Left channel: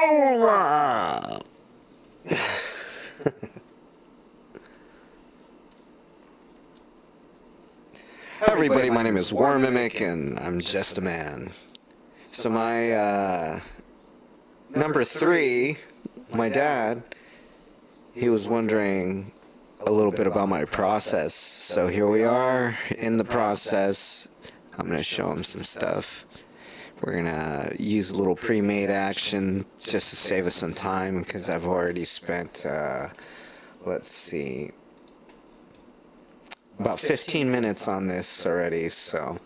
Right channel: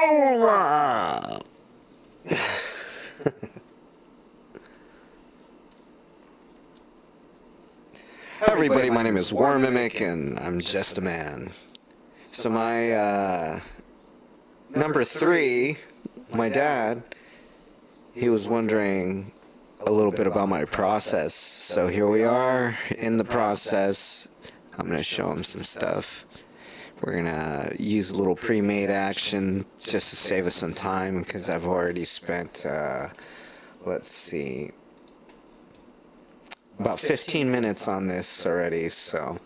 over. Hi everybody, my name is War Mimic and I'm just a man. So my number 3, my dad, he was wondering a little bit about my process. So here we are in the process. I'm going to show him some stuff. We're going to use a little pre-made action just to save us some time because I've already spent, let's see, about 15 minutes on this already, so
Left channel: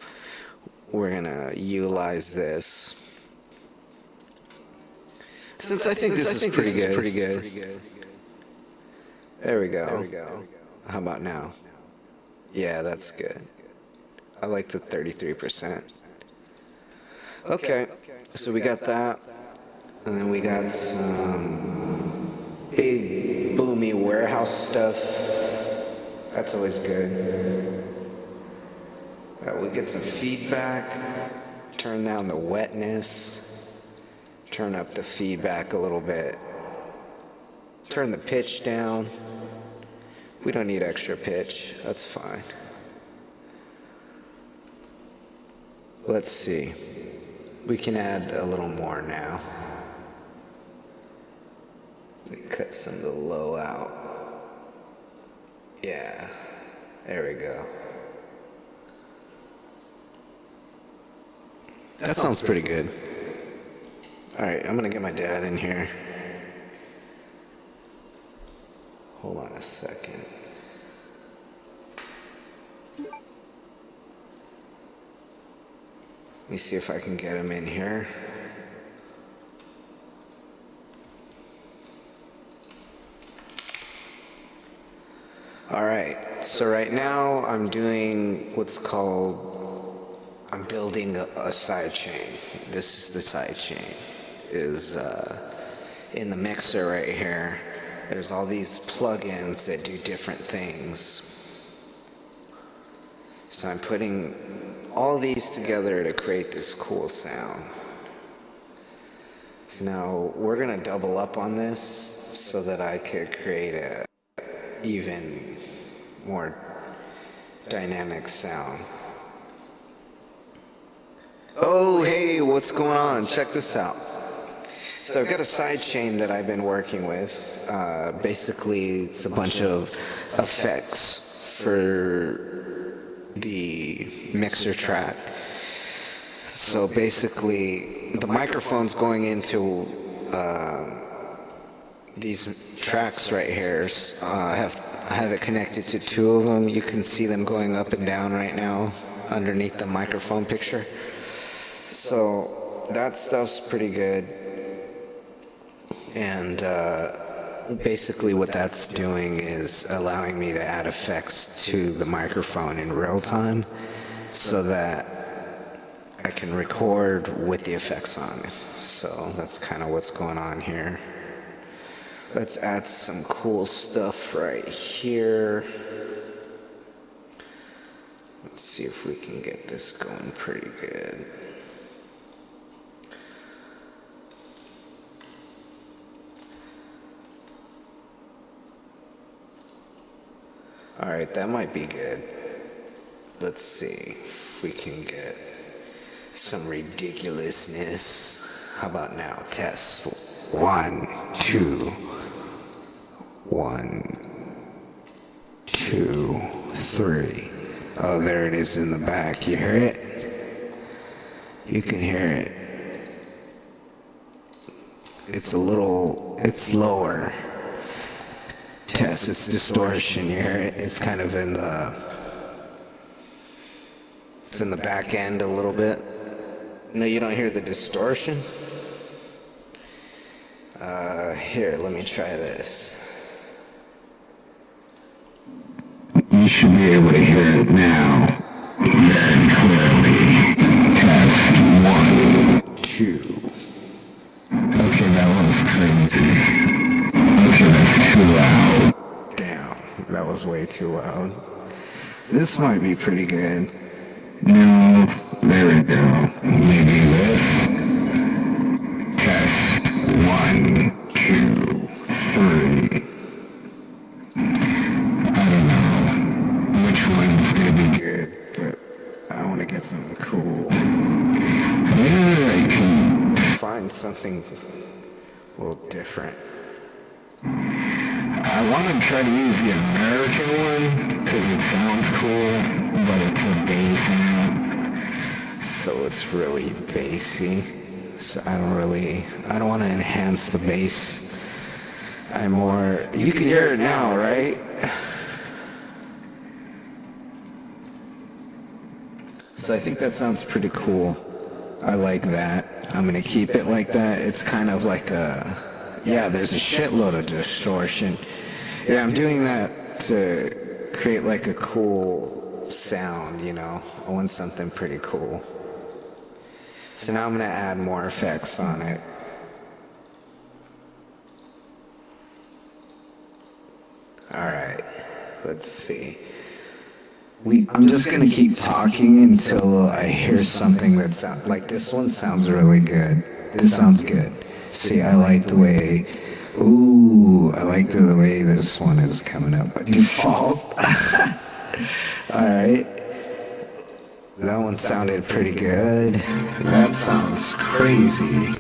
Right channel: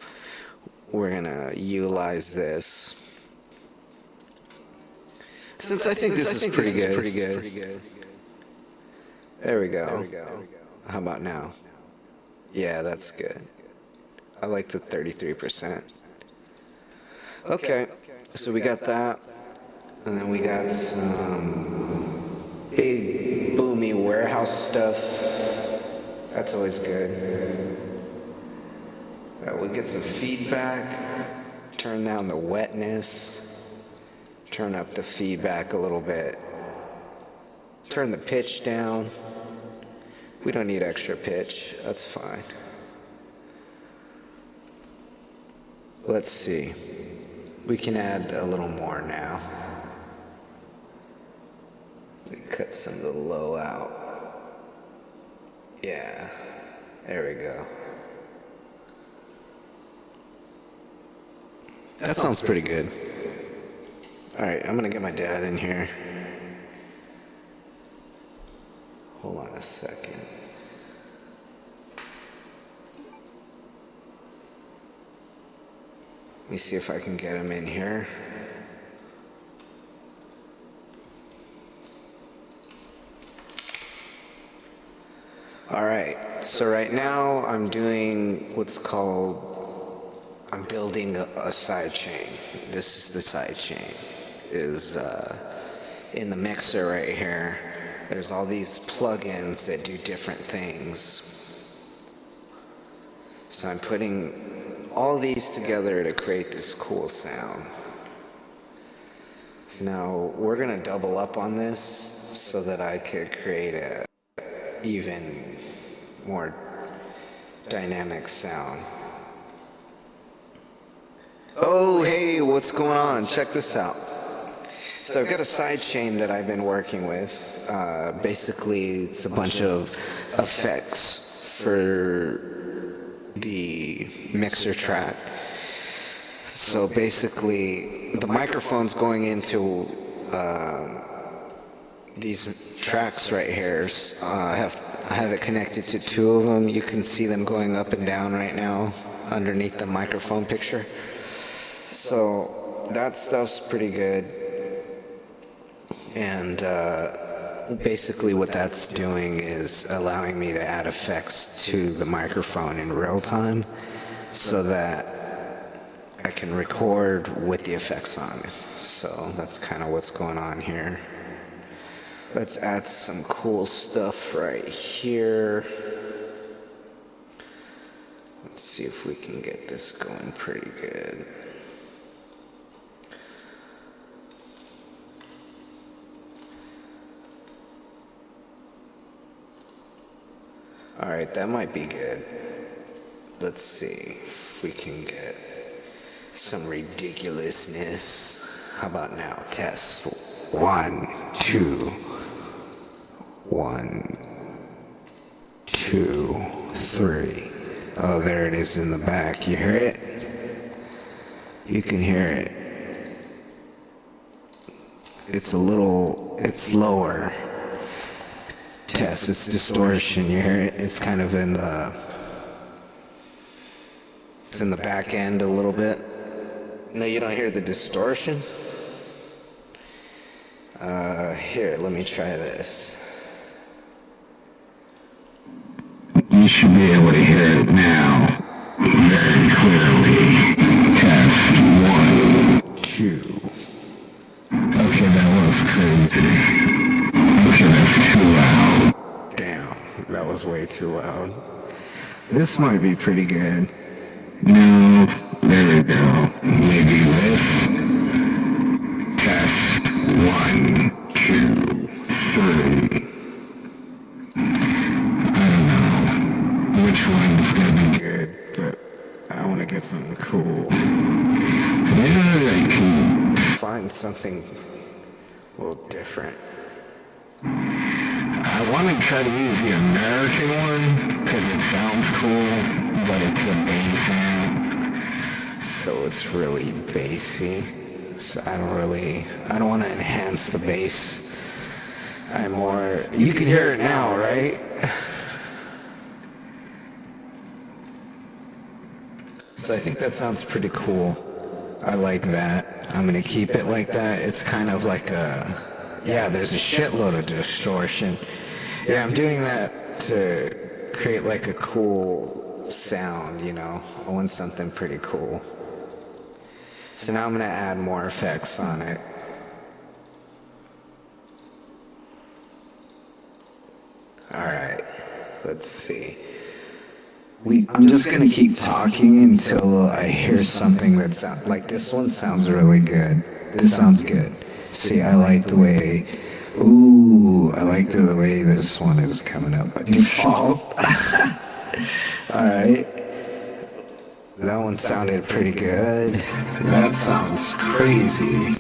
we're gonna utilize this. Since I think this is pretty good. There we go. How about now? Yeah, that's good. I like the 33%. Okay, so we got that, and then we got some big boomy warehouse stuff. That's always good. We get some feedback, turn down the wetness, turn up the feedback a little bit, turn the pitch down. We don't need extra pitch, that's fine. Let's see, we can add a little more now. We cut some of the low out. Yeah, there we go. That sounds pretty good. Alright, I'm gonna get my dad in here. Hold on a second. Let me see if I can get him in here. Alright, so right now I'm doing what's called, I'm building a side chain. This is the side chain. Is in the mixer right here. There's all these plugins that do different things. So I'm putting all these together to create this cool sound. So now we're gonna double up on this so that I could create a even more dynamic sound. Oh, hey, what's going on? Check this out. So I've got a side chain that I've been working with. Basically, it's a bunch of effects for the mixer track. So basically, the microphone's going into these tracks right here. I have it connected to 2 of them. You can see them going up and down right now underneath the microphone picture. So that stuff's pretty good. And basically what that's doing is allowing me to add effects to the microphone in real time so that I can record with the effects on it. So that's kind of what's going on here. Let's add some cool stuff right here. Let's see if we can get this going pretty good. Alright, that might be good. Let's see if we can get some ridiculousness. How about now? Test. 1, 2. 1, 2, 3. Oh, there it is in the back. You hear it? You can hear it. It's lower. Test, it's distortion. You hear it? It's kind of in the, it's in the back end a little bit. No, you don't hear the distortion? Here, let me try this. You should be able to hear it now very clearly. Test 1, 2. Okay, that was crazy. Okay, that's too loud. Damn, that was way too loud. This might be pretty good. No, there we go. Maybe this. Test 1, 2, 3. I don't know which one's gonna be good, but I want to get something cool. Maybe I can find something a little different. I want to try to use the American one because it sounds cool, but it's a bass amp, so it's really bassy. So I don't want to enhance the bass. You can hear it now, right? So I think that sounds pretty cool. I like that. I'm going to keep it like that. It's kind of like there's a shitload of distortion. Yeah, I'm doing that to create like a cool sound, you know. I want something pretty cool. So now I'm going to add more effects on it. Alright, let's see. I'm just going to keep talking until I hear something that sounds like this one sounds really good. This sounds good. See, I like the way this one is coming up by default. Alright. That one sounded pretty good. That sounds crazy.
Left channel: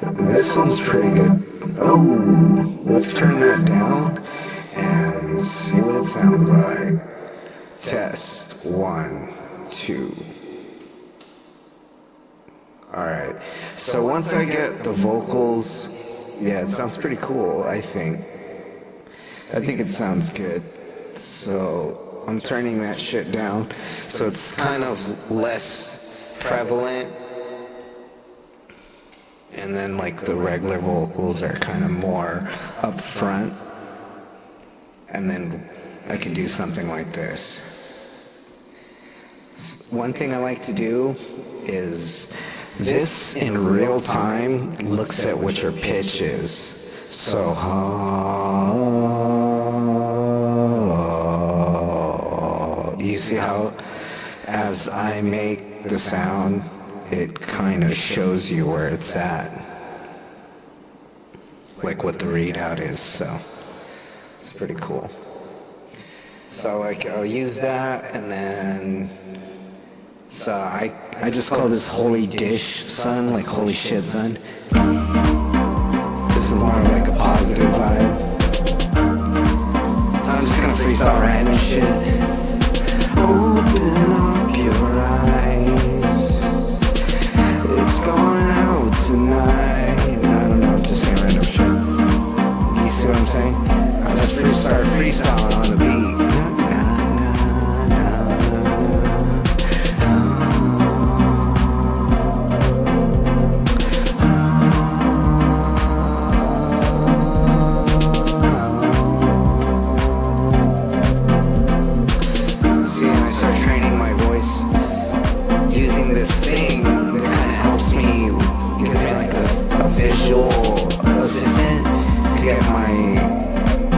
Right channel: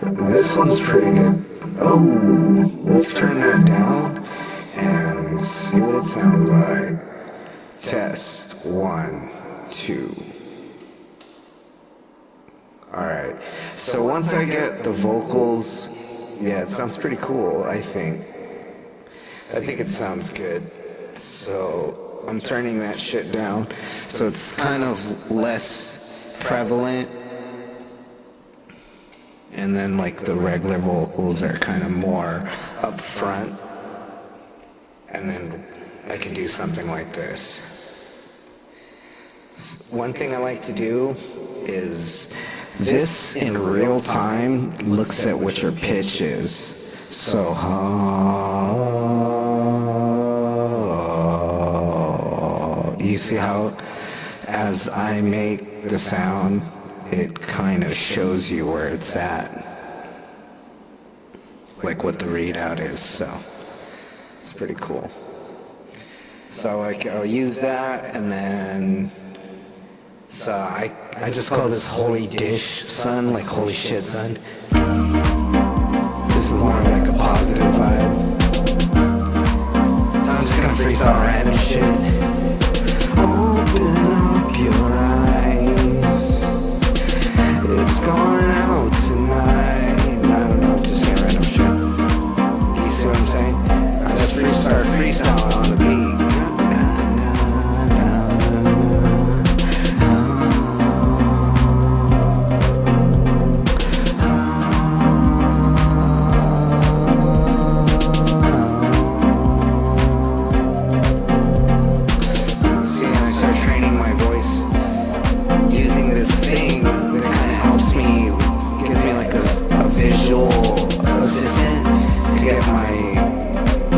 This one's pretty good. Oh, let's turn that down and see what it sounds like. Test 1, 2. Alright, so once I get the vocals, yeah, it sounds pretty cool, I think. I think it sounds good. So I'm turning that shit down so it's kind of less prevalent. And then like the regular vocals are kind of more up front. And then I could do something like this. One thing I like to do is this in real time looks at what your pitch is. So, you see how as I make the sound, it kind of shows you where it's at. Like what the readout is, so it's pretty cool. So I'll use that, and then so I just call this holy dish, son, like holy shit, son. This is more like a positive vibe. So I'm just gonna freestyle random shit. Open up your eyes. It's going out tonight. I don't know, just saying random shit. You see what I'm saying? I just start freestyling on the beat. Start training my voice using this thing that kind of helps me, gives me like a visual assistant to get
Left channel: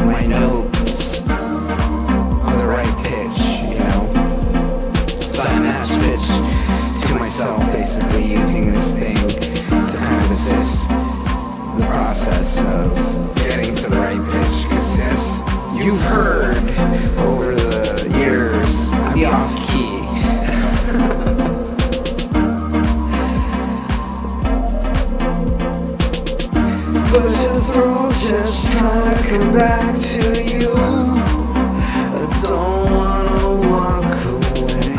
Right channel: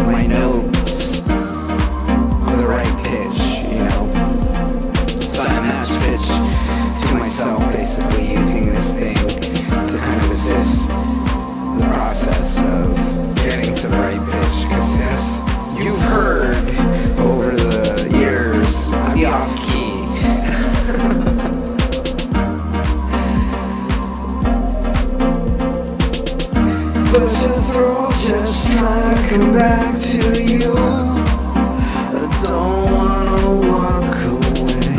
my notes on the right pitch, you know. So I match pitch to myself basically using this thing to kind of assist the process of getting to the right pitch, because yes, you've heard over the years I be off key. But your throat just trying to come back to you. I don't wanna walk away.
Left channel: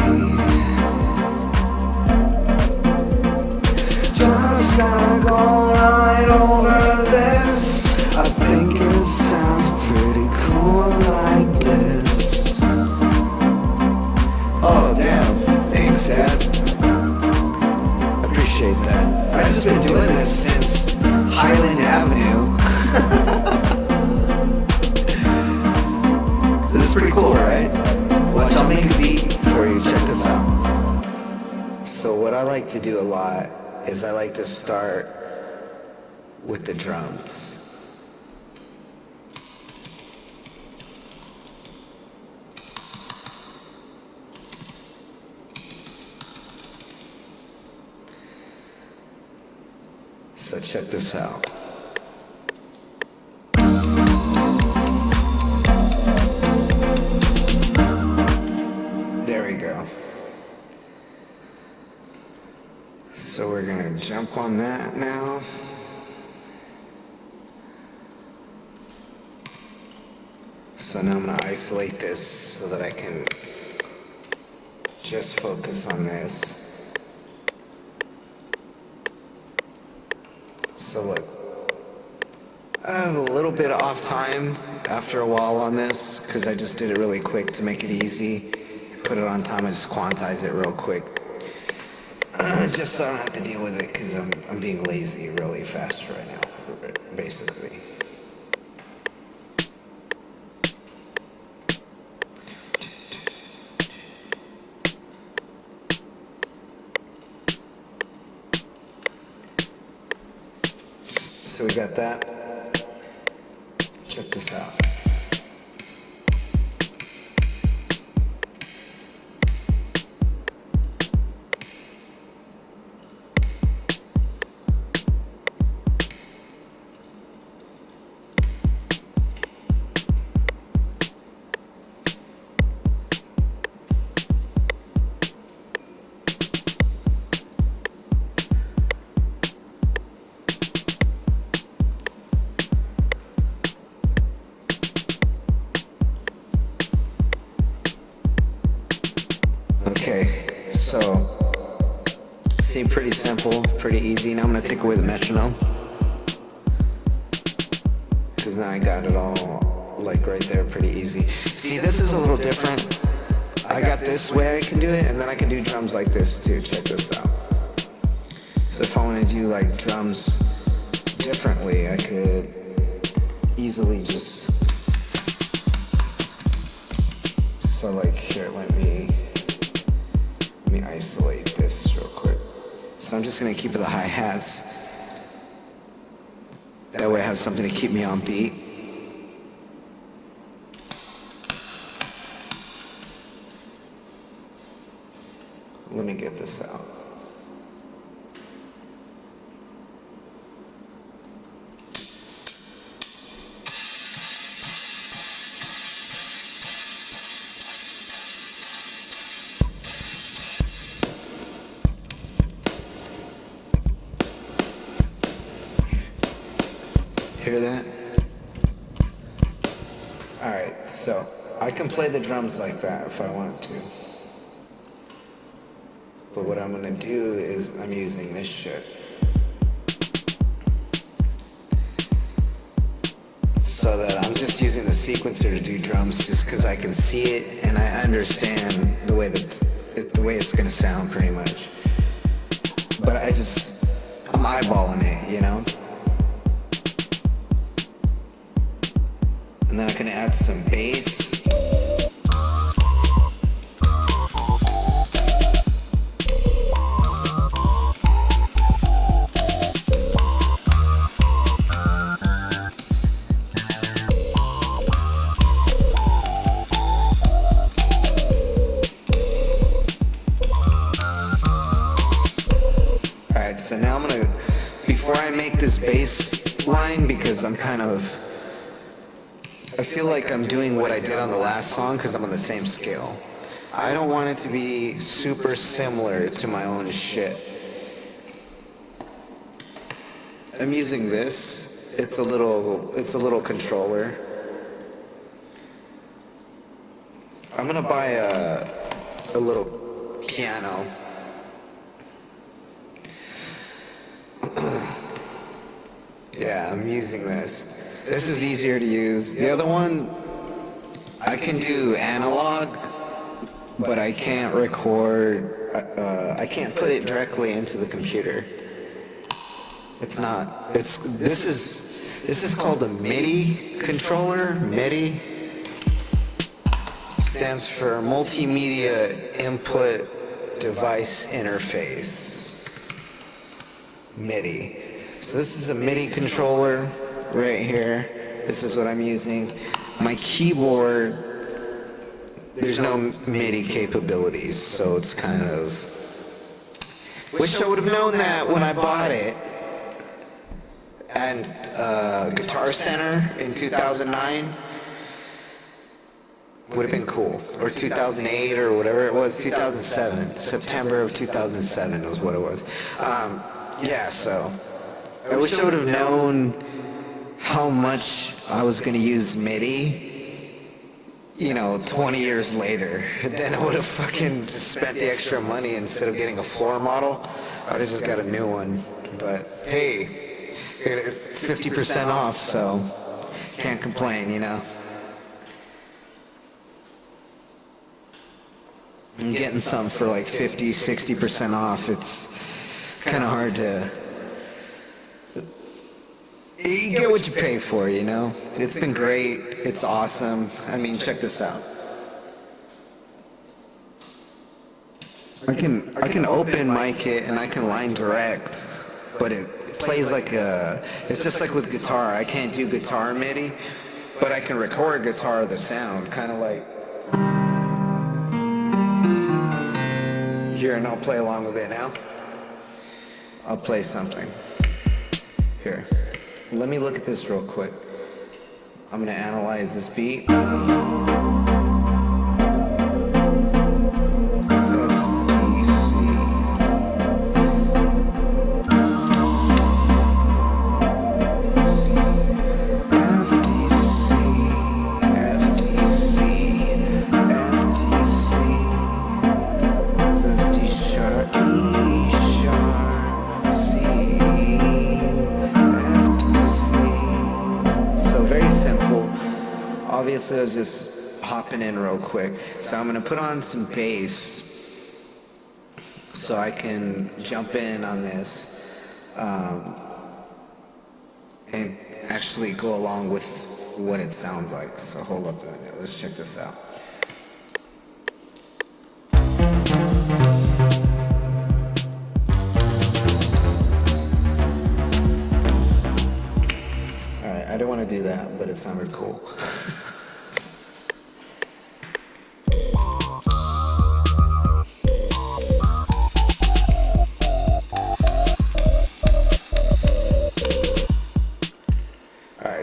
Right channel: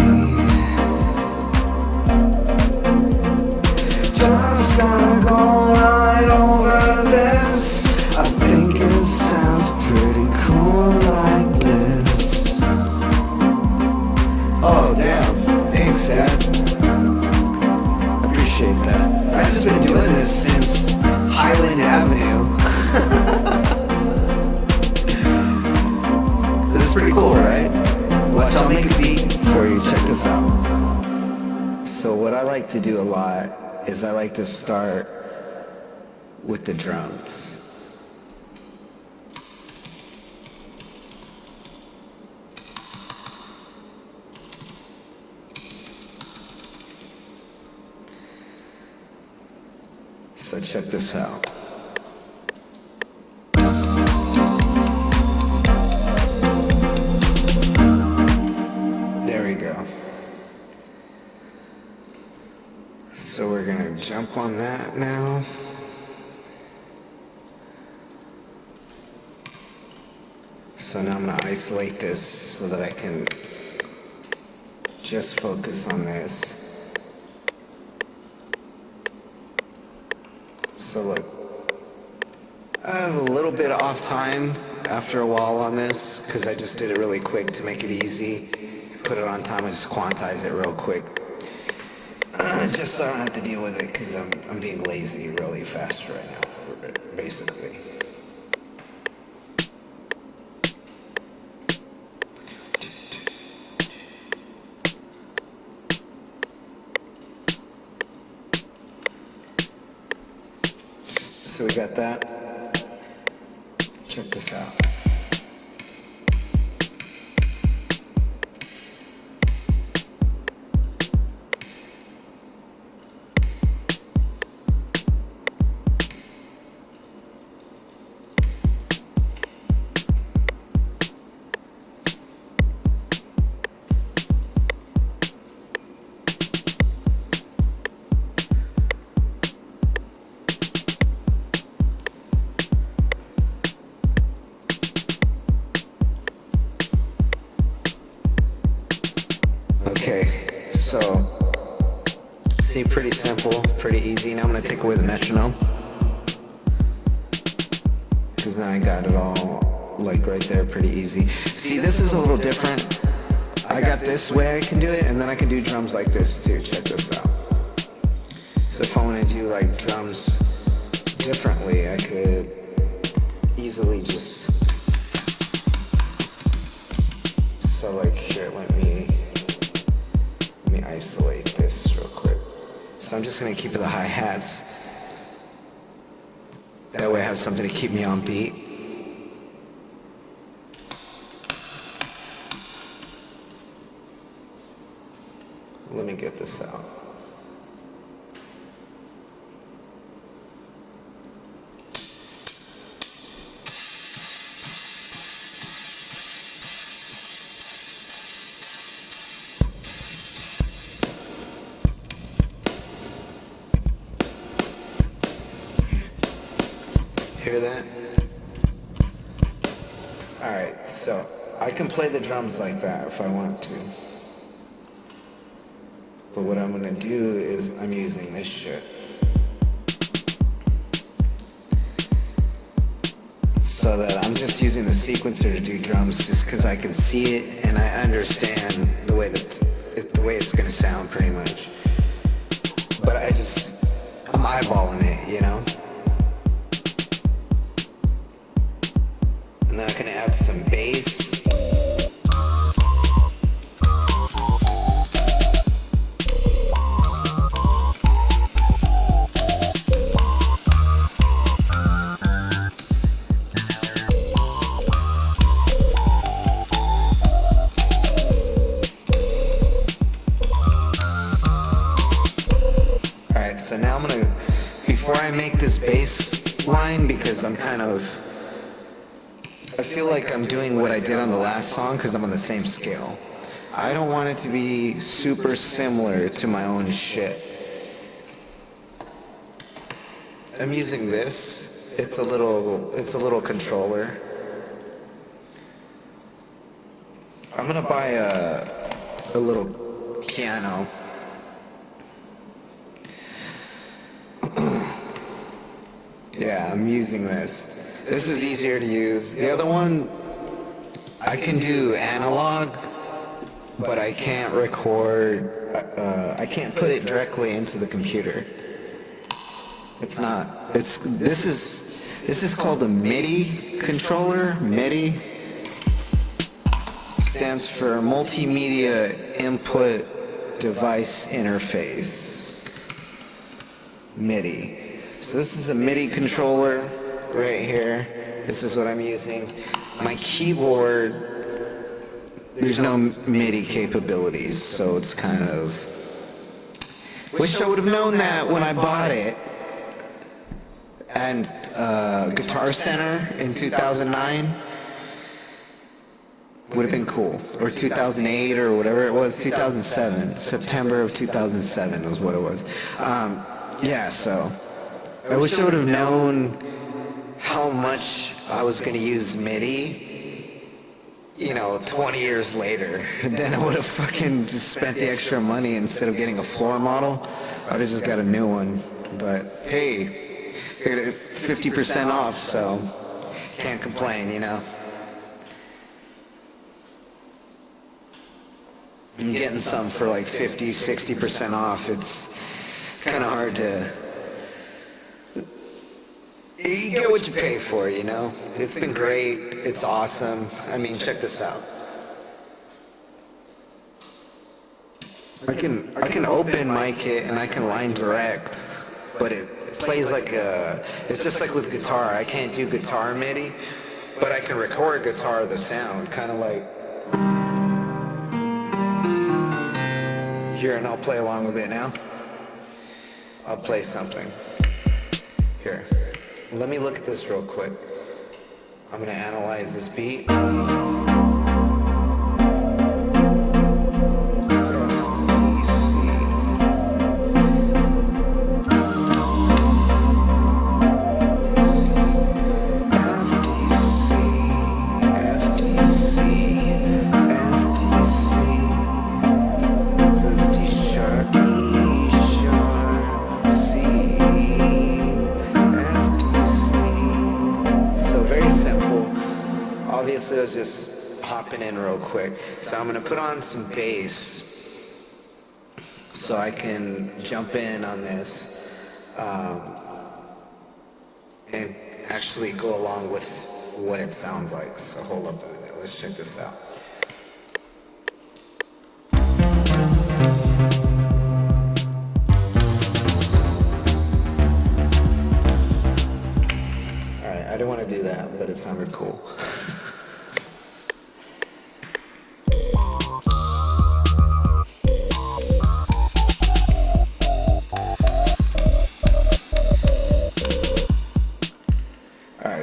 Just gotta go right over this. I think it sounds pretty cool like this. Oh damn, thanks Dad. I appreciate that. I've just been doing this since Highland Avenue. This is pretty cool, right? Watch, I'll make a beat for you, check this out. So what I like to do a lot is I like to start with the drums. So check this out. gonna jump on that now. So now I'm gonna isolate this so that I can just focus on this. So look, I have a little bit off time after a while on this because I just did it really quick to make it easy. Put it on time, I just quantize it real quick. Just so I don't have to deal with it because I'm being lazy really fast right now, basically. So we got that. Check this out. Okay, so, see, pretty simple, pretty easy. Now I'm going to take away the metronome, because now I got it all, like, right there, pretty easy. See, this is a little different. I got this way I can do it, and then I can do drums like this, too. Check this out. So if I want to do, like, drums differently, I could easily just... So, like, here, let me isolate this real quick. So I'm just going to keep the hi-hats. That way I have something to keep me on beat. Let me get this out. Hear that? Alright, so I can play the drums like that if I want to. But what I'm gonna do is I'm using this shit. So that I'm just using the sequencer to do drums just because I can see it and I understand the way it's gonna sound pretty much. But I'm eyeballing it, you know? And then I can add some bass. Alright, so now I'm gonna, before I make this bass line, because I feel like I'm doing what I did on the last song because I'm on the same scale. I don't want it to be super similar to my own shit. I'm using this. It's a little controller. I'm gonna buy a little piano. Yeah, I'm using this. This is easier to use. The other one, I can do analog, but I can't record, I can't put it directly into the computer. This is called a MIDI controller. MIDI stands for Multimedia Input Device Interface. MIDI. So this is a MIDI controller. Right here, this is what I'm using. My keyboard, there's no MIDI capabilities, so it's kind of... Wish I would have known that when I bought it. And Guitar Center in 2009 would have been cool. Or 2008 or whatever it was, 2007. September of 2007 was what it was. Yeah, so I wish I would have known how much I was going to use MIDI, 20 years later. Then I would have fucking just spent the extra money instead of getting a floor model. I would have just got a new one. But hey, 50% off, so can't complain, I'm getting some for like 50, 60% off. It's kind of hard to... You get what you pay for, It's been great. It's awesome. I mean, check this out. I can open mic it and I can line direct, but it plays like it's just like with guitar. I can't do guitar MIDI, but I can record guitar the sound, kind of like... Here, and I'll play along with it now. I'll play something. Here. Let me look at this real quick. I'm going to analyze this beat. Obviously, I was just hopping in real quick. So I'm going to put on some bass so I can jump in on this and actually go along with what it sounds like. So hold up a minute. Let's check this out. Alright, I didn't want to do that, but it sounded cool.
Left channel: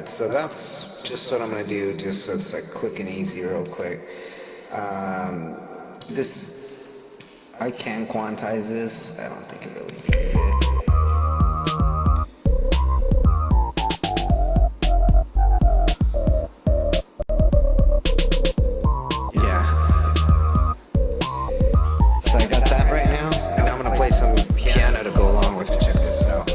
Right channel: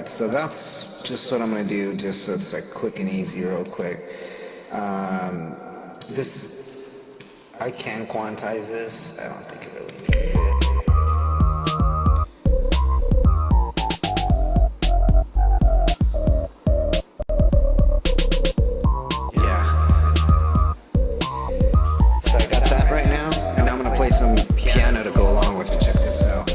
So that's just what I'm going to do, just so it's like quick and easy real quick. This, I can quantize this. I don't think it really needs it. Yeah. So I got that right now, and now I'm going to play some piano to go along with it. Check this out.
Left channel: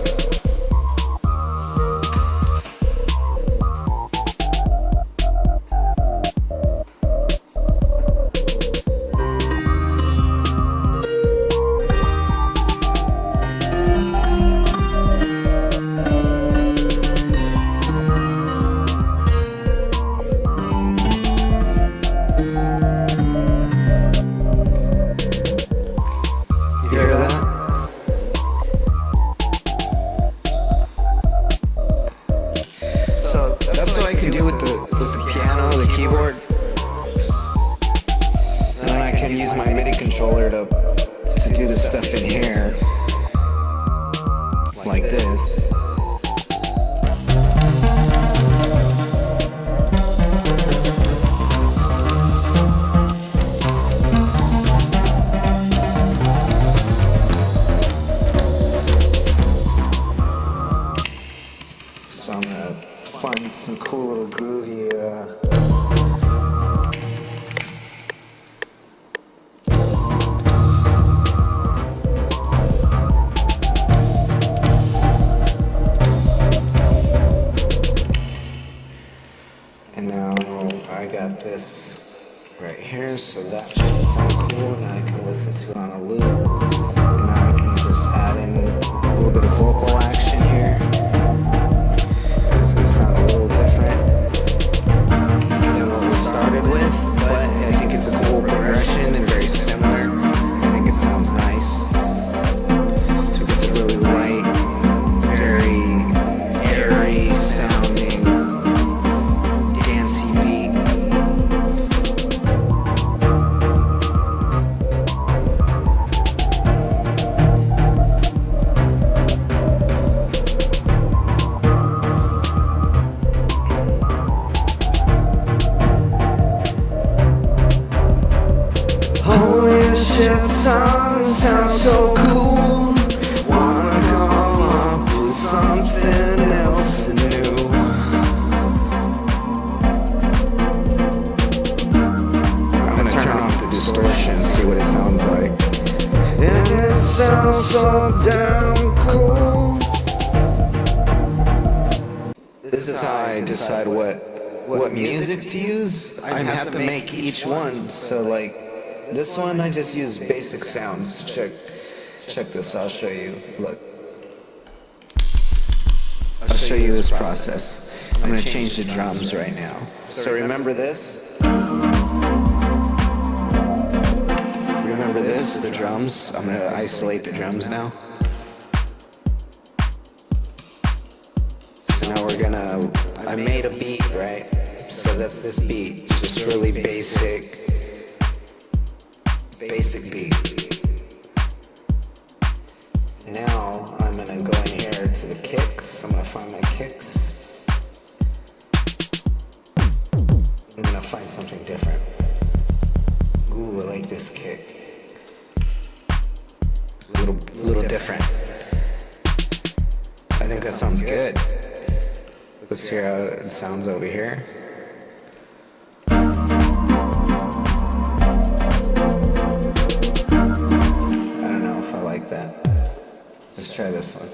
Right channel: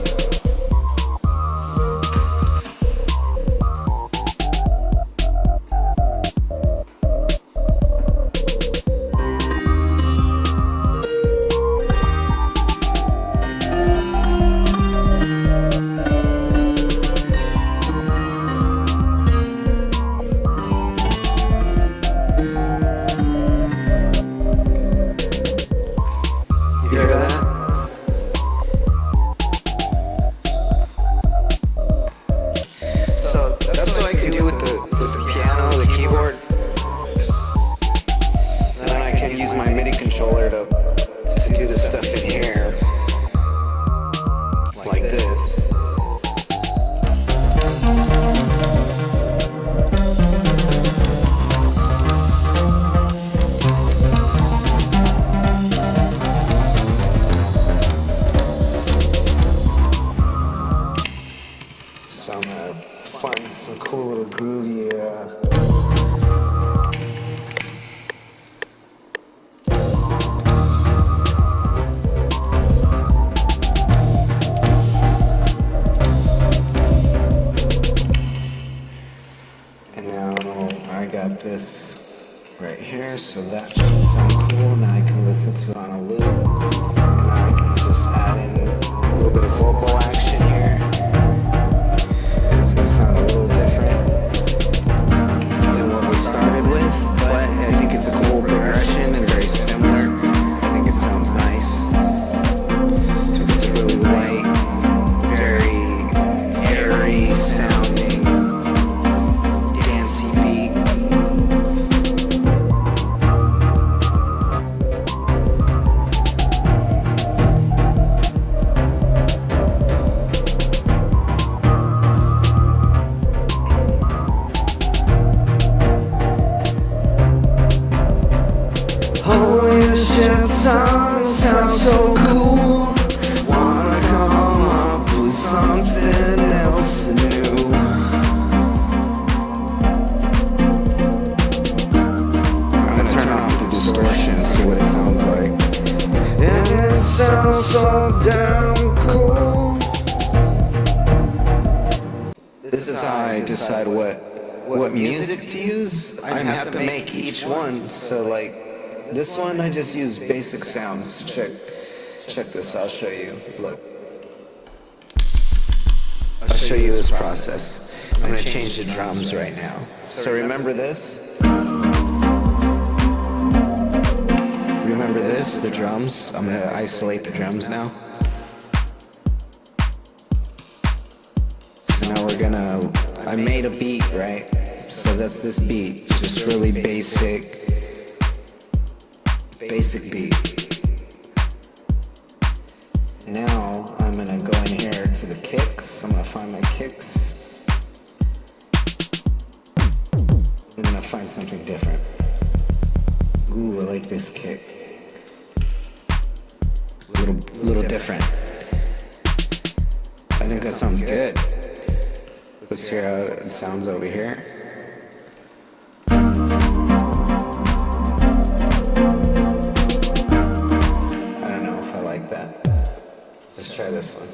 To do the stuff in here like this. So I'm gonna find some cool little groovy I got this right here, so that should sound cool. Now I can listen to it on a loop, and now I can just add in a little bit of vocal action here. It's going to sound a little different than what we started with, but I think it's a cool progression and very similar. I think it sounds nice. So it's a really light, very airy sounding dancey beat. Holy shit, song sounds so cool. Wanna come something else new. I'm gonna turn off the distortion and see what it sounds like. And it sounds so damn cool. This is how I decide what music to use. I have to make each one. So like this one, I just use basic sounds. Check this. I'll show you. Look. I'll show you this process. I'm gonna change the drums right now. So remember this? Remember this? The drums. I'm gonna isolate the drums now. So now we're gonna. I made a beat, right? So that's this beat. Just really basic beat. Now I'm gonna go in here to the kicks. I'm gonna find my kicks. I'm gonna find something different. Ooh, I like this kick. Little different. I think that sounds good. Let's hear how it sounds over here. I don't know if I like that. Let's try this one.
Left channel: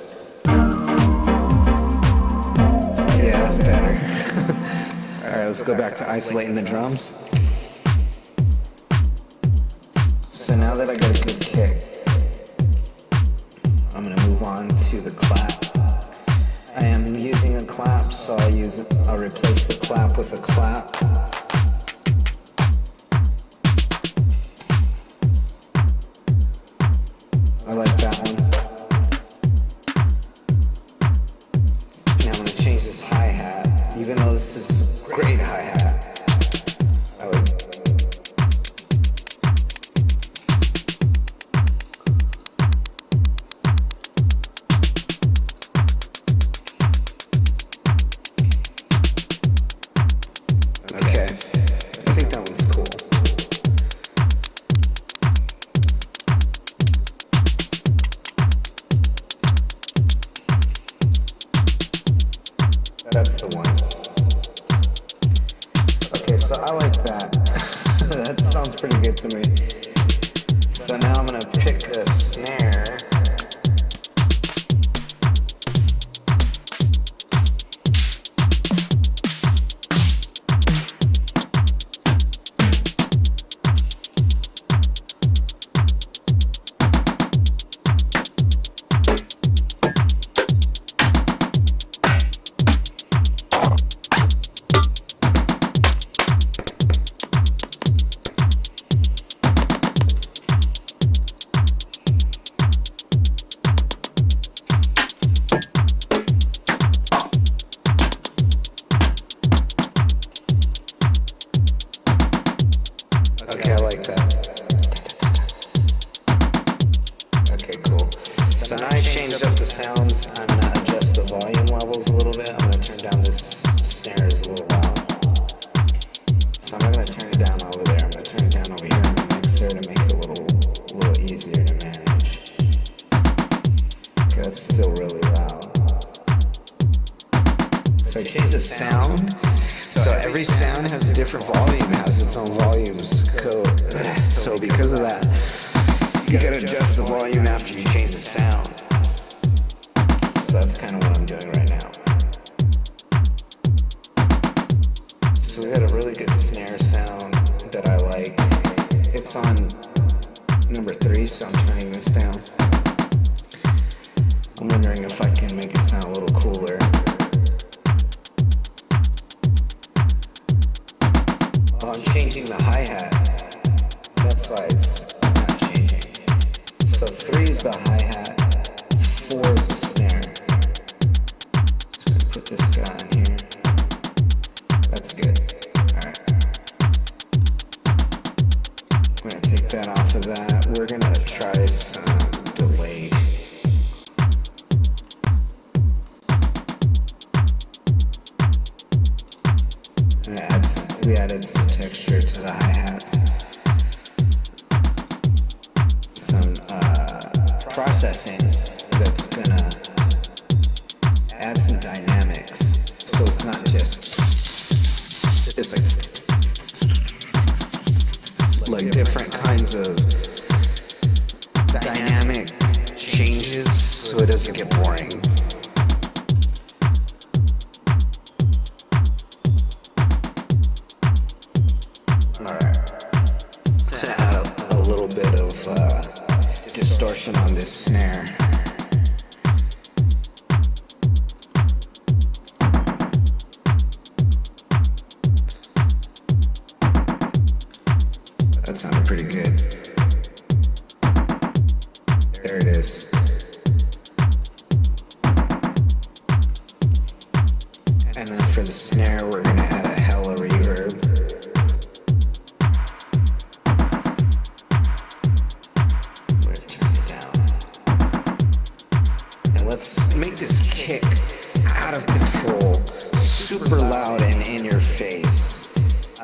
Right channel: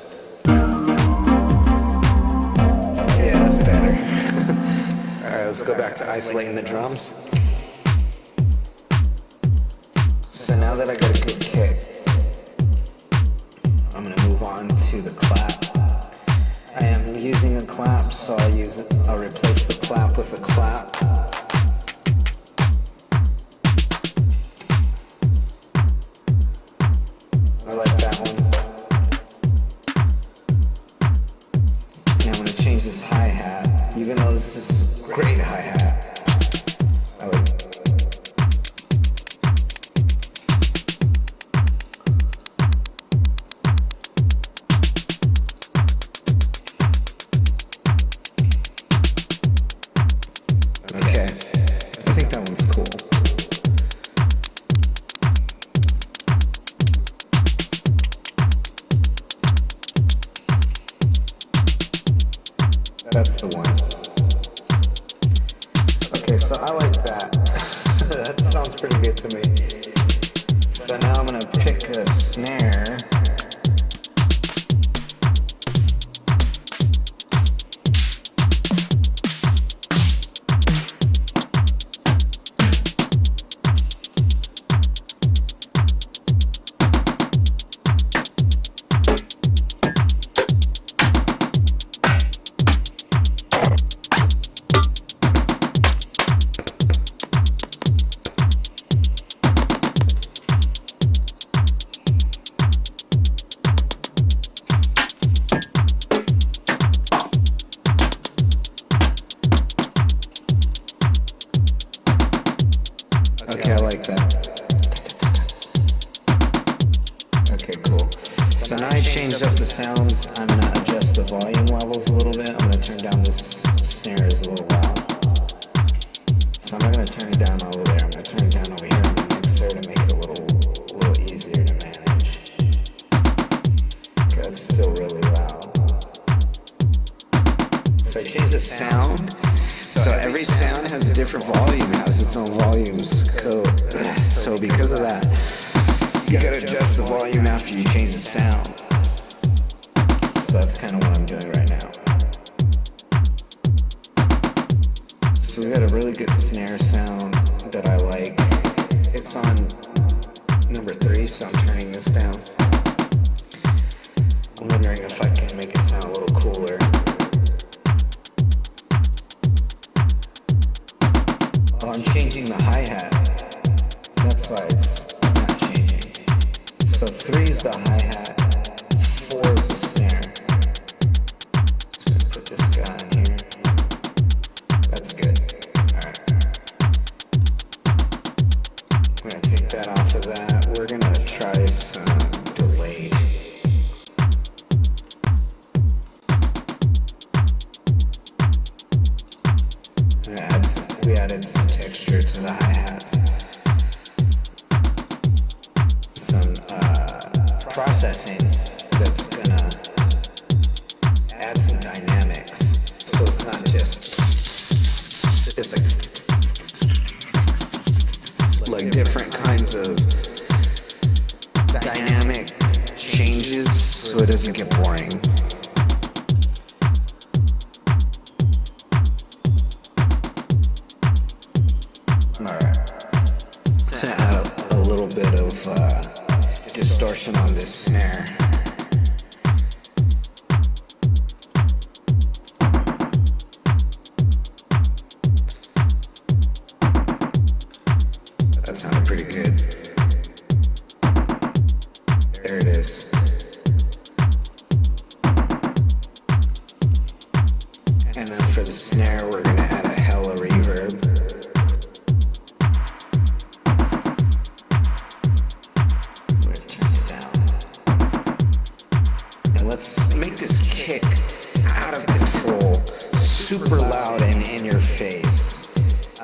Yeah, that's better. Alright, let's go back to isolating the drums. So now that I got a good kick, I'm gonna move on to the clap. I am using a clap, so I'll replace the clap with a clap. I like that one. Now I'm gonna change this hi-hat, even though this is a great hi-hat. I like it. Okay, I think that one's cool. That's the one. Okay, so I like that. That sounds pretty good to me. So now I'm gonna pick a snare. Okay, I like that. Okay, cool. So now I changed up the sounds. I'm gonna adjust the volume levels a little bit. I'm gonna turn down this snare is a little loud. So I'm not gonna turn it down over there. I'm gonna turn it down over here on the mixer to make it a little easier to manage. Okay, that's still really loud. So I changed the sound. So every sound has a different volume, has its own volumes code. So because of that, you gotta adjust the volume after you change the sound. So that's kind of what I'm doing right now. So we got a really good snare sound that I like. It's on number 3, so I'm turning this down. I'm wondering if I can make it sound a little cooler. Oh, I'm changing the hi-hat. That's why it's not changing. So 3 is the hi-hat, 4 is the snare. Just gonna put this guy in here. That's good. Alright. I'm gonna take that off of that. We're gonna try some delay. We added some texture to the hi-hats. Some processing that's gonna there's like different kinds of dynamic changes so it doesn't get boring. Alright. Add a little bit of distortion on this snare. That sounded pretty good. There it is. And then for the snare, we're gonna add a hella reverb. I'm gonna turn it down. And let's make this kick out of control, super loud and in your face.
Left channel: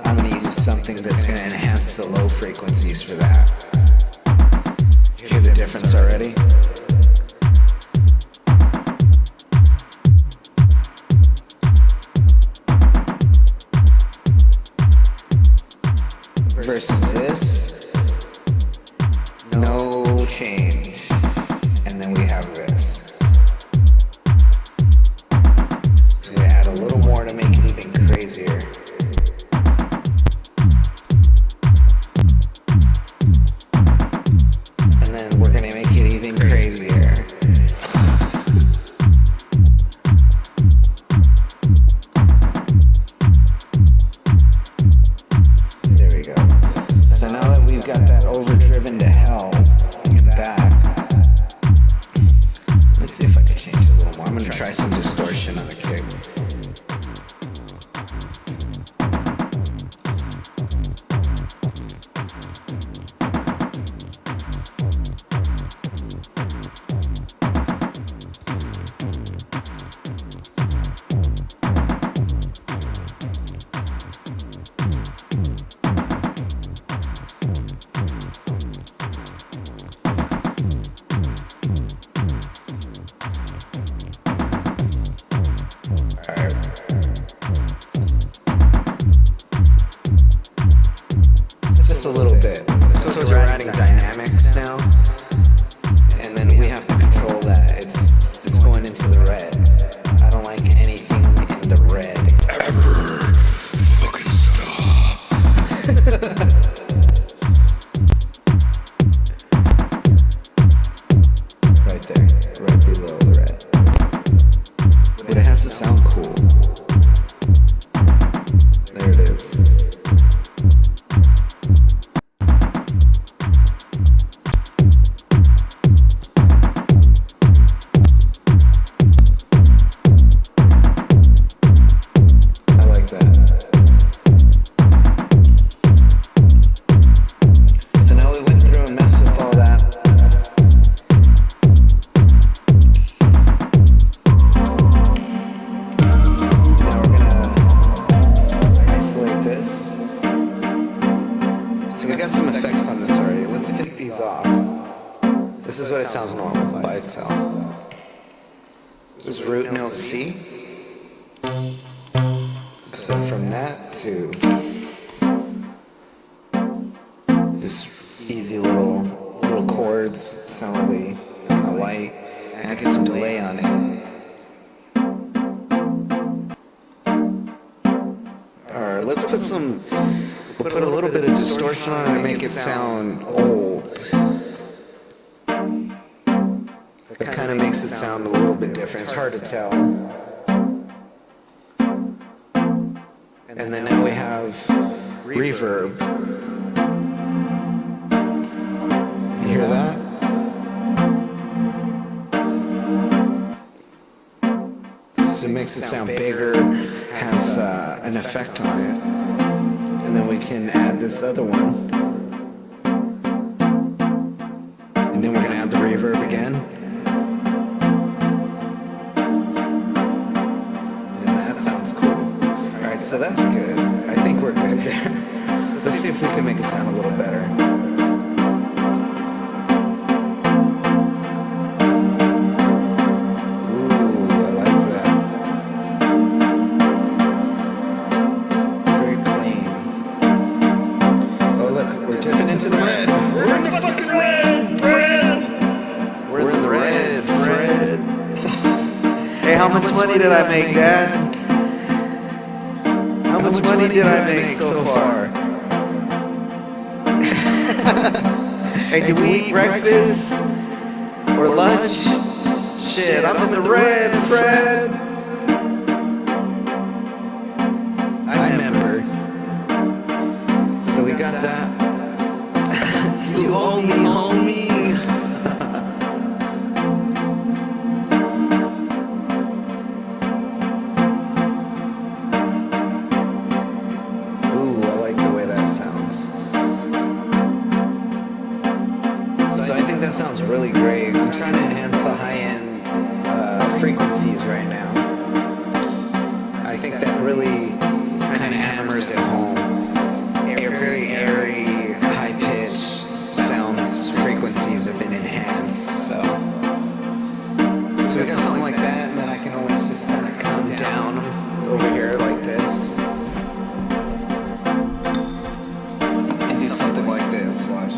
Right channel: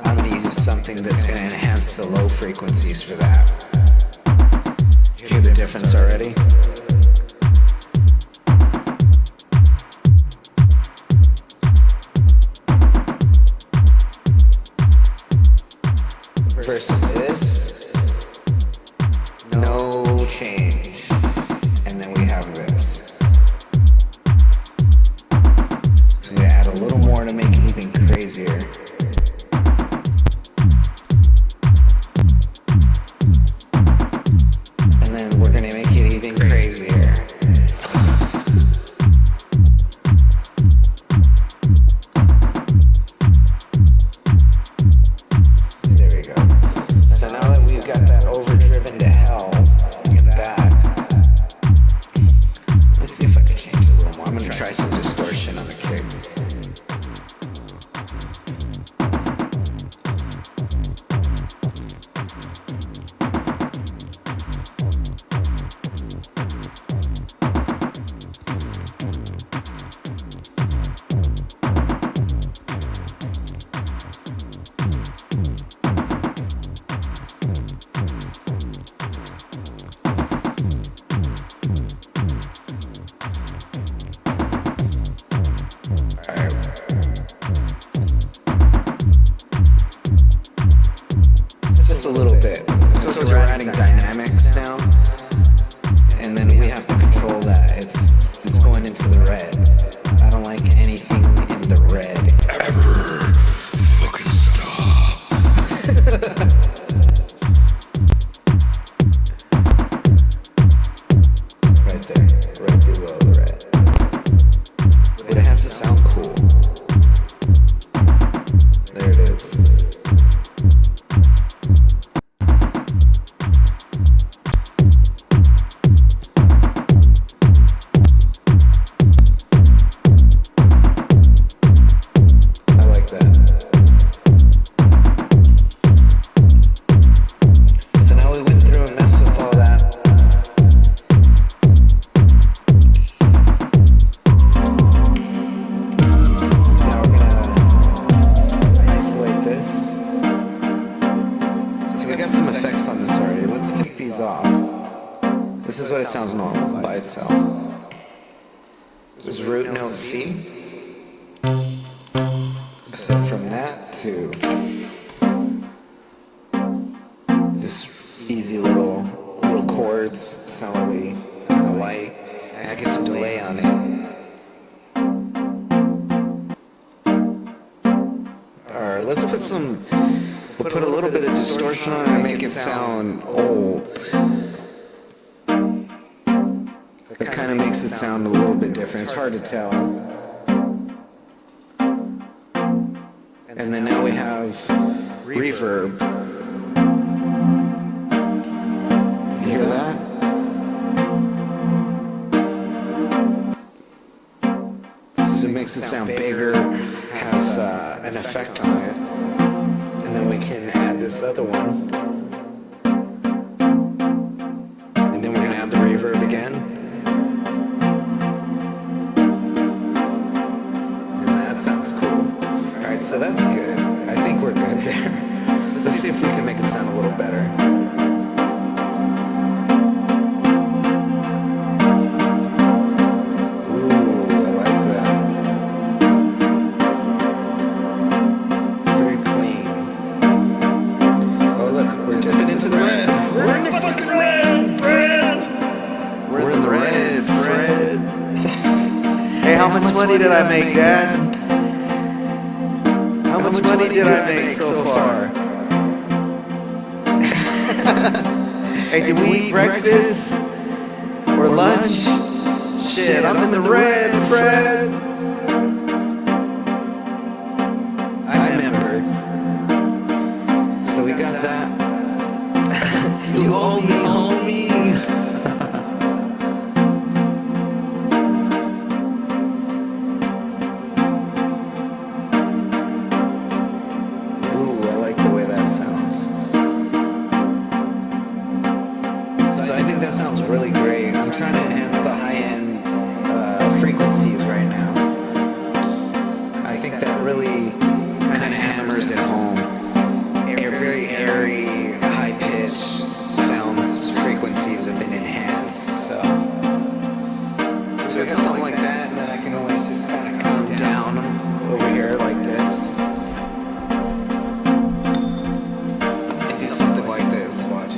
I'm gonna use something that's gonna enhance the low frequencies for that. Hear the difference already? Versus this, no change. And then we have this. So I'm gonna add a little more to make it even crazier. And then we're gonna make it even crazier. There we go. So now that we've got that overdriven to hell and back, let's see if I can change it a little more. I'm gonna try some distortion on the kick. Just a little bit. So we're adding dynamics now, and then we have to control that. It's going into the red. I don't like anything in the red. Ever fucking stop. Right there, right below the red. But it has to sound cool. There it is. So we got some effects on this already. Let's take these off. This is what it sounds normal by itself. This is root note C. So from that to this easy little chords sound really kind of light. And I get some delay on it. Alright, let's we'll put a little bit of distortion on it and make it sound old. It kind of makes it sound a little bit different. It's hard to tell. And then now we have reverb. You hear that? So it makes it sound bigger, has an effect on it. And then we can add this other one. And then we're going to add the reverb again. And that sounds cool. Alright, so that's good. I think we're good there. Let's see if we can make it sound a little better. Ooh, I like that. Very clean. Hey, how much money did I make, Dad? How much money did I make so far? Hey, did we eat breakfast? Or lunch? Shit, I'm in the red, Fred. I remember. So we got that. You owe me, homie. Ooh, I like the way that sounds. So I think that sounds really great. I'm trying to enhance the high-end frequencies right now. I think that really kind of hammers it home. Very airy, high-pitched sound frequencies have been enhanced. So we got something like that, and then I can always just kind of come down over here like this and do something like this. Watch.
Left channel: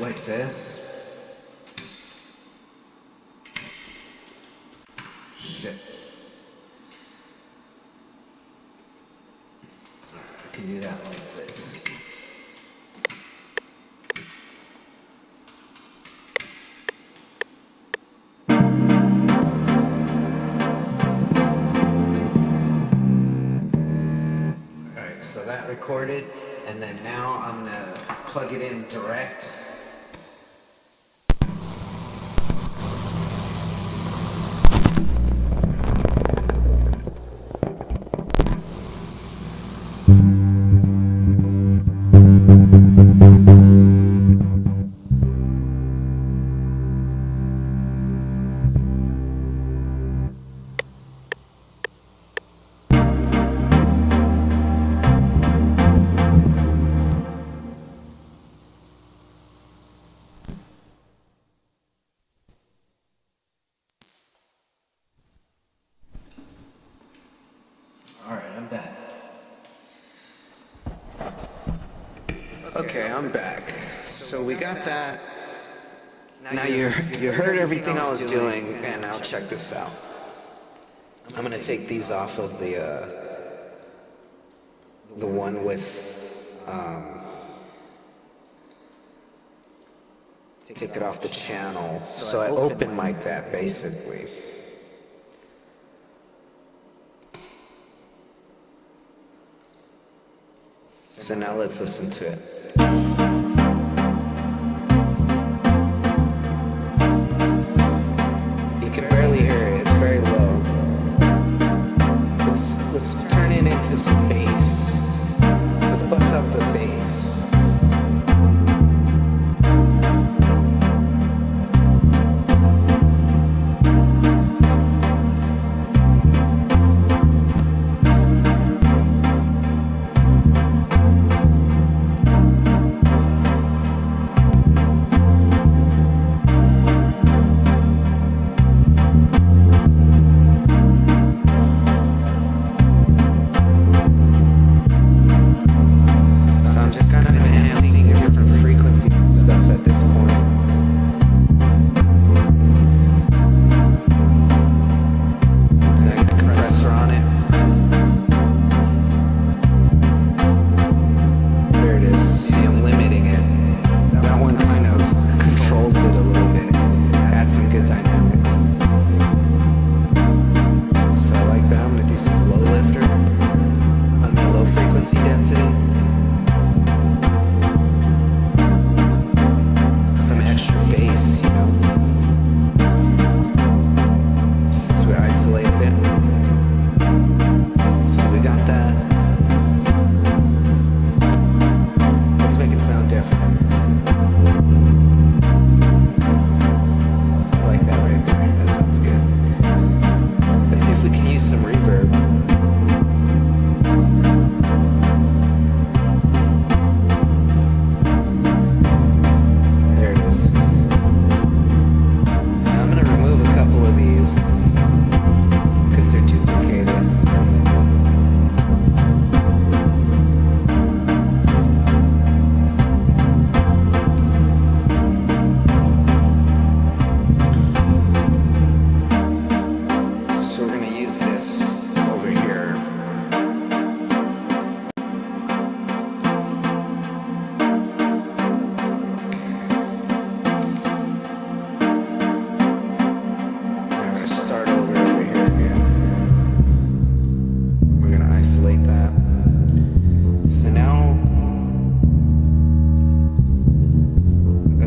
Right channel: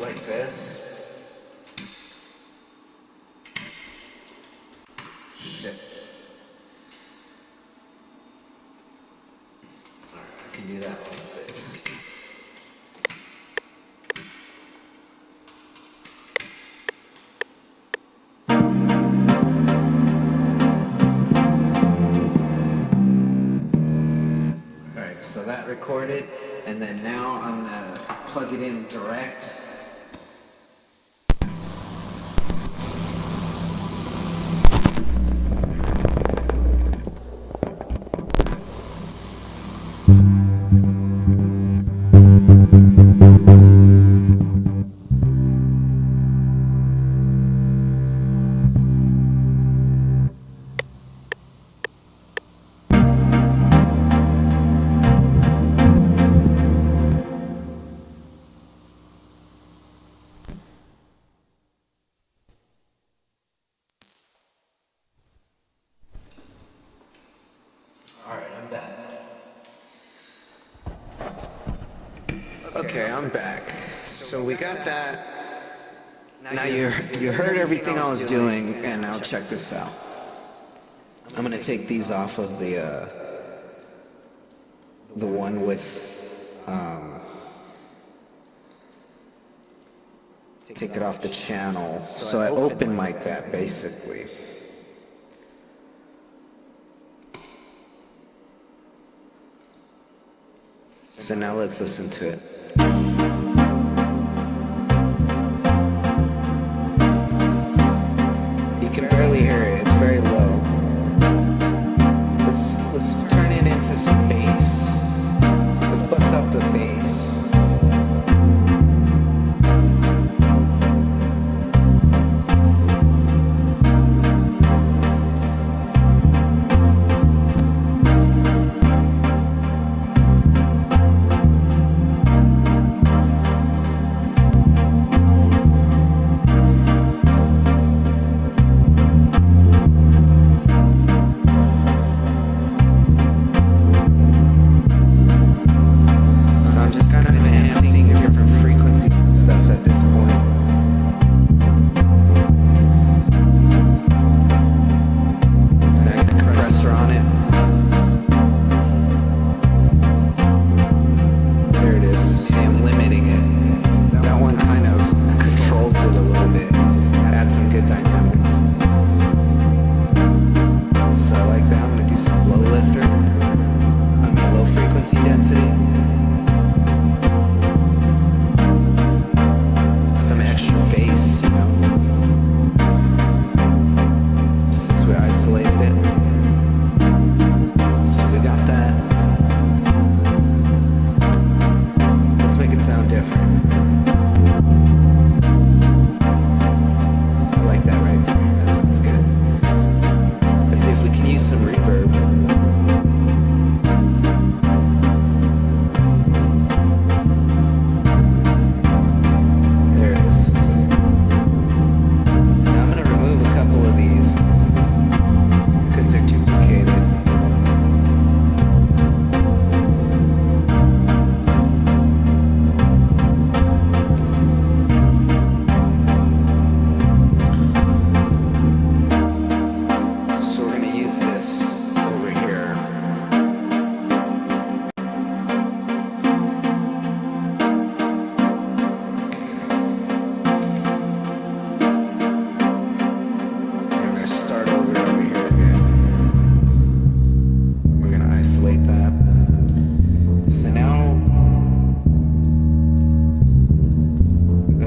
Like this. Shit. Alright, I can do that like this. Alright, so that recorded, and then now I'm gonna plug it in direct. Alright, I'm back. Okay, I'm back. So we got that. Now you heard everything I was doing, and now check this out. I'm gonna take these off of the one with take it off the channel. So I open mic that basically. So now let's listen to it. You can barely hear it, it's very low. Let's turn it into some bass. Let's bust out the bass.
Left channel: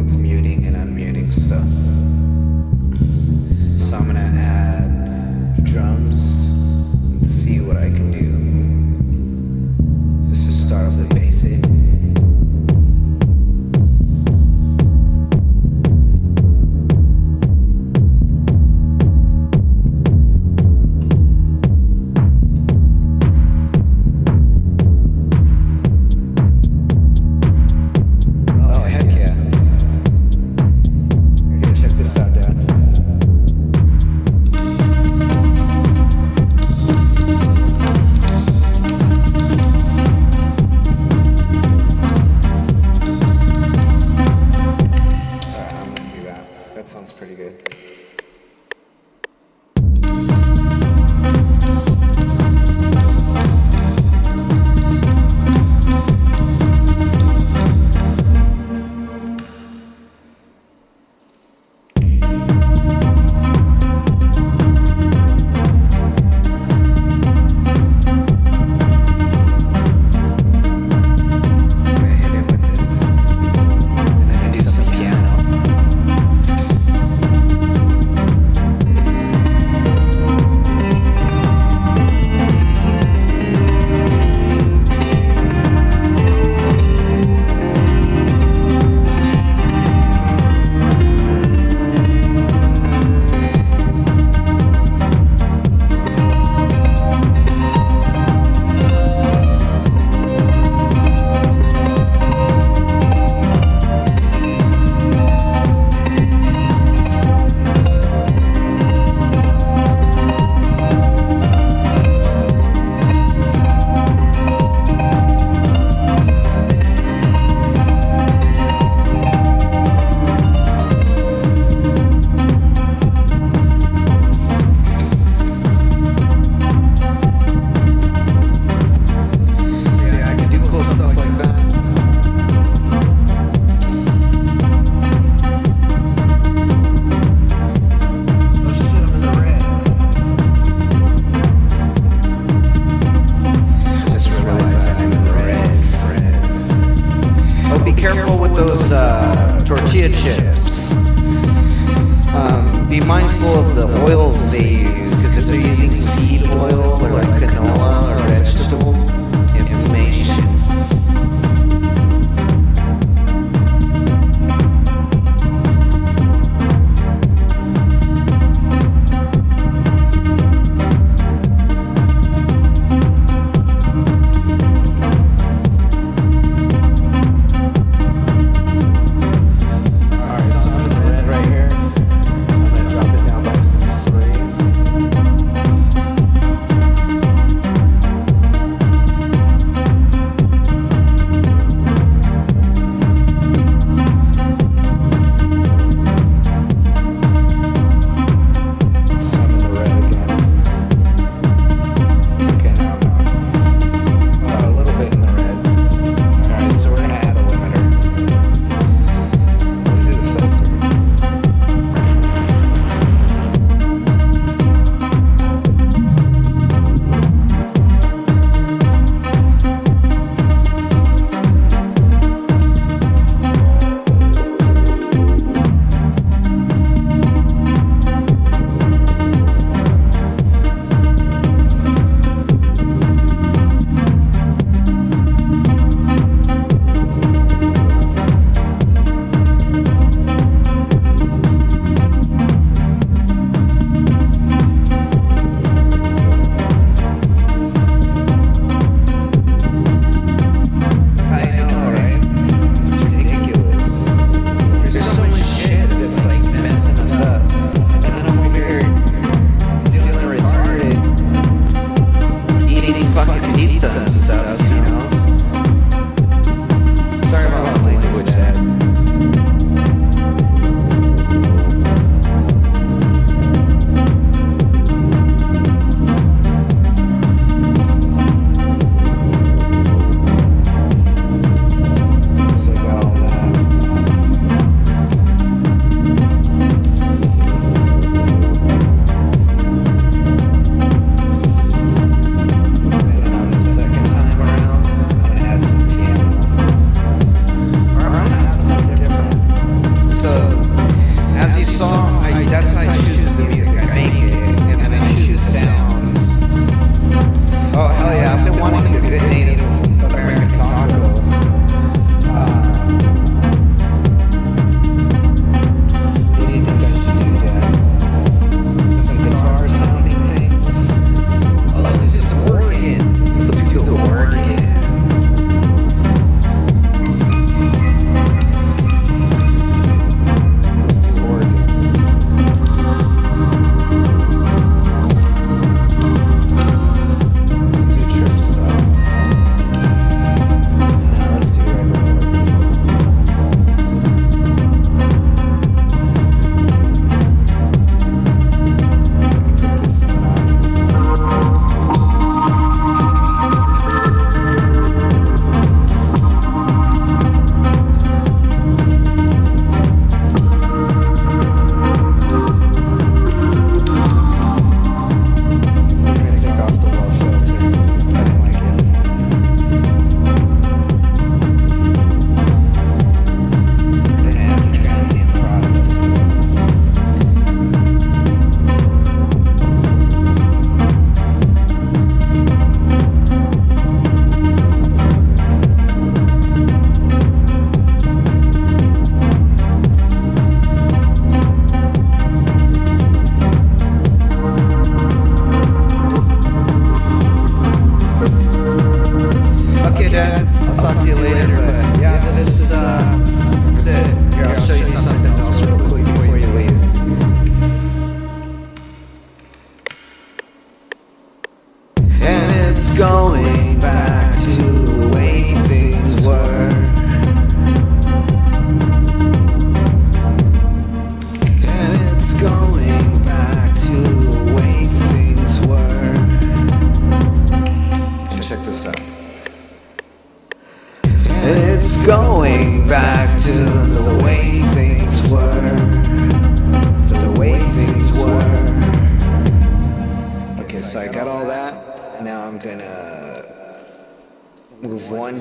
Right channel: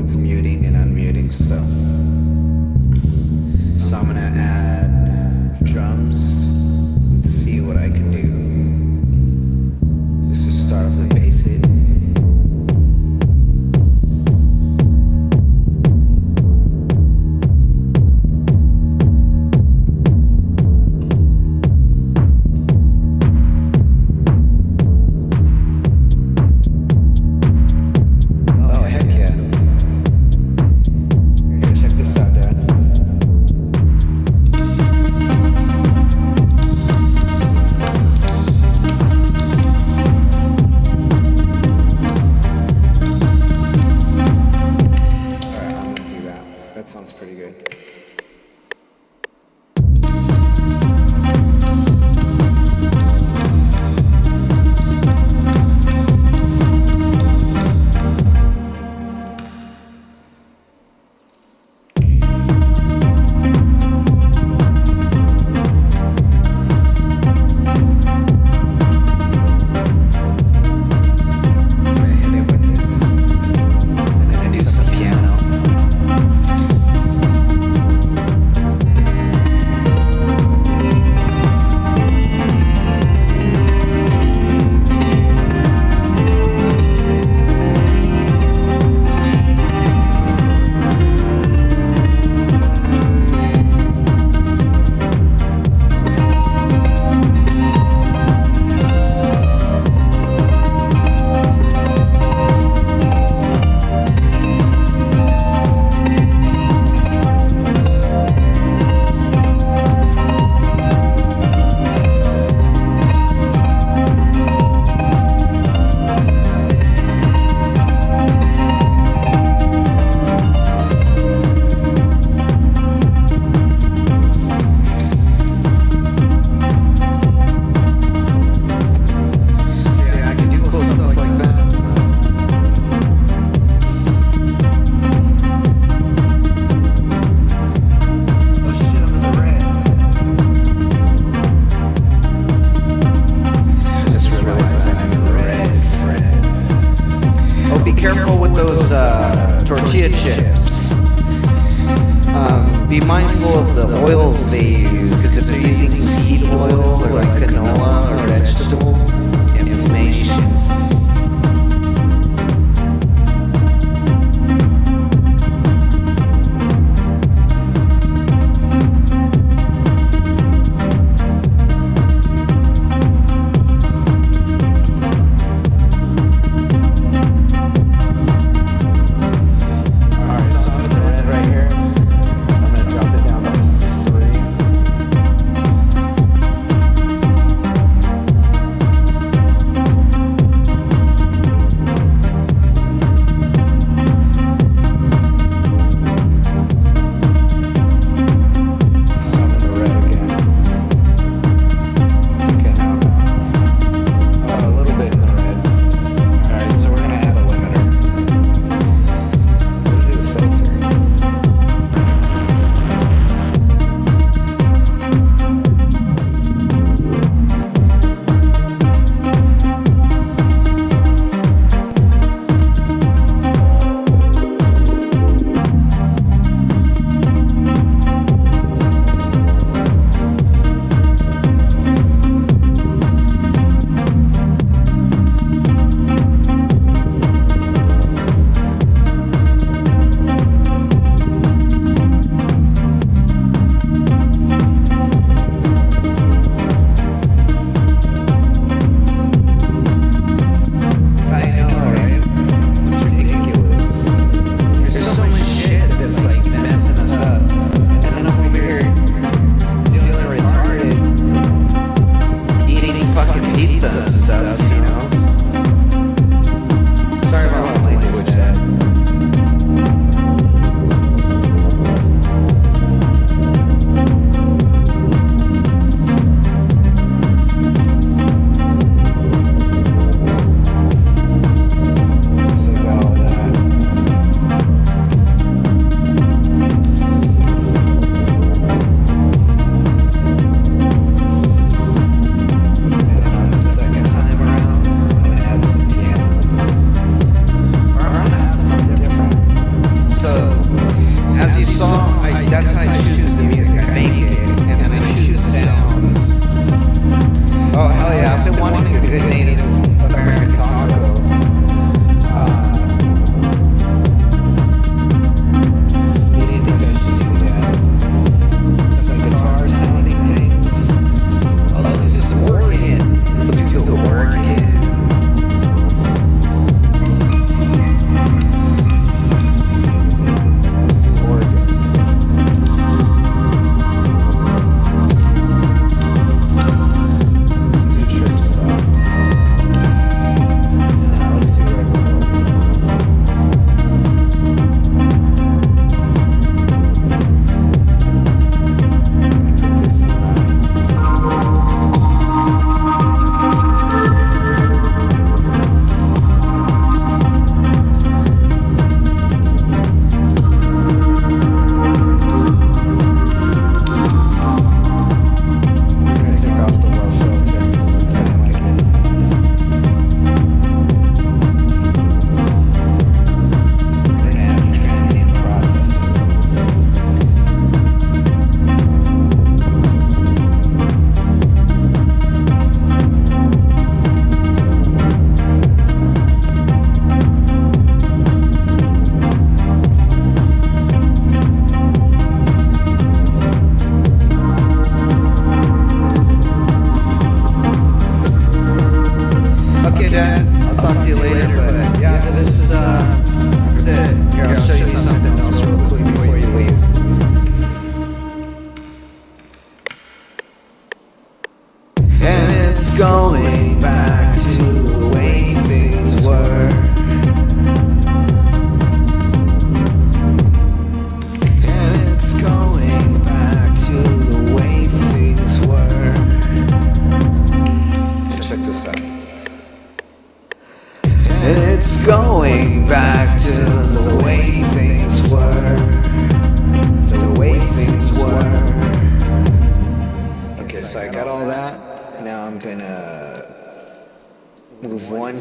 that's muting and unmuting stuff. So I'm gonna add drums and see what I can do. Let's just start off the basic. That sounds pretty good. Careful with those tortilla chips. Be mindful of the oils they use, because if they're using seed oil or like canola or vegetable, inflammation.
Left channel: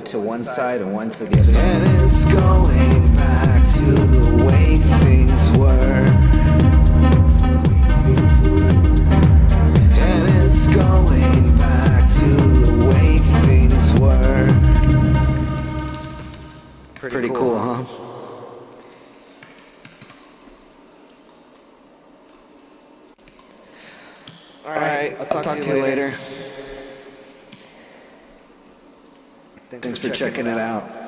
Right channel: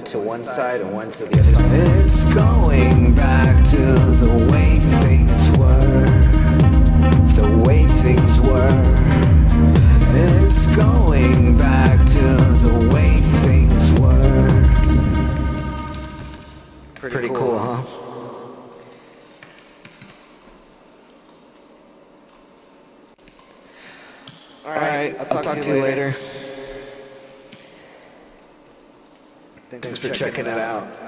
to one side and one to the other side. And it's going back to the way things were. The way things were. And it's going back to the way things were. Pretty cool, huh? Alright, I'll talk to you later. Thanks for checking it out.